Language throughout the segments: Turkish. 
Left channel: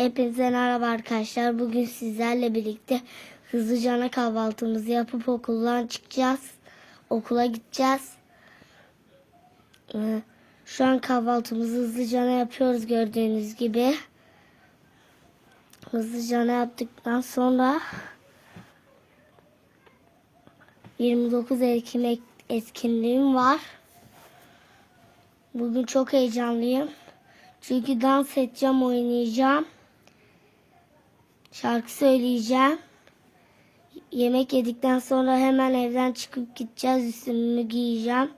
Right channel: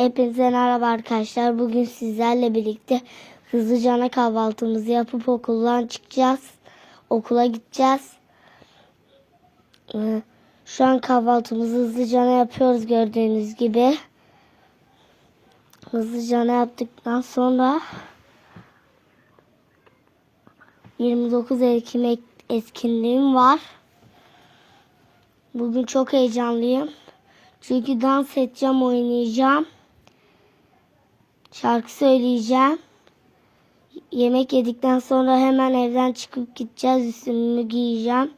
Hepinize merhaba arkadaşlar. Bugün sizlerle birlikte hızlıca kahvaltımızı yapıp okuldan çıkacağız. Okula gideceğiz. Ee, Şu an kahvaltımızı hızlıca yapıyoruz gördüğünüz gibi. Hızlıca yaptıktan sonra 29 Ekim ek- etkinliğim var. Bugün çok heyecanlıyım. Çünkü dans edeceğim, oynayacağım. Şarkı söyleyeceğim. Yemek yedikten sonra hemen evden çıkıp gideceğiz. Üstümü giyeceğim.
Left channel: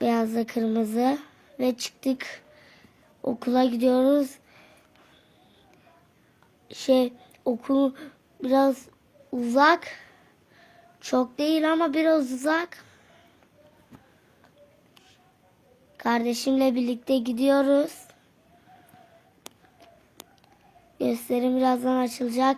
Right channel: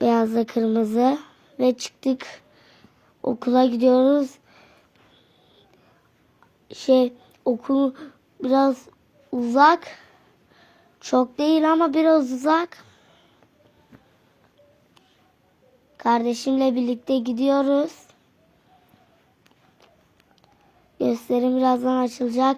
Beyazla kırmızı. Ve çıktık. Okula gidiyoruz. Şey okul biraz uzak. Çok değil ama biraz uzak. Kardeşimle birlikte gidiyoruz. Gösterim birazdan açılacak.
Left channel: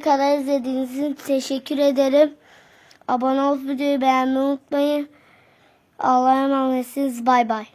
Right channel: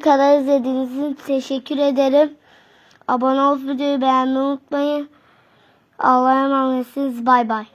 Kadar izlediğiniz için teşekkür ederim. Abone olup videoyu beğenmeyi unutmayın. Allah'a emanetsiniz. Bay bay.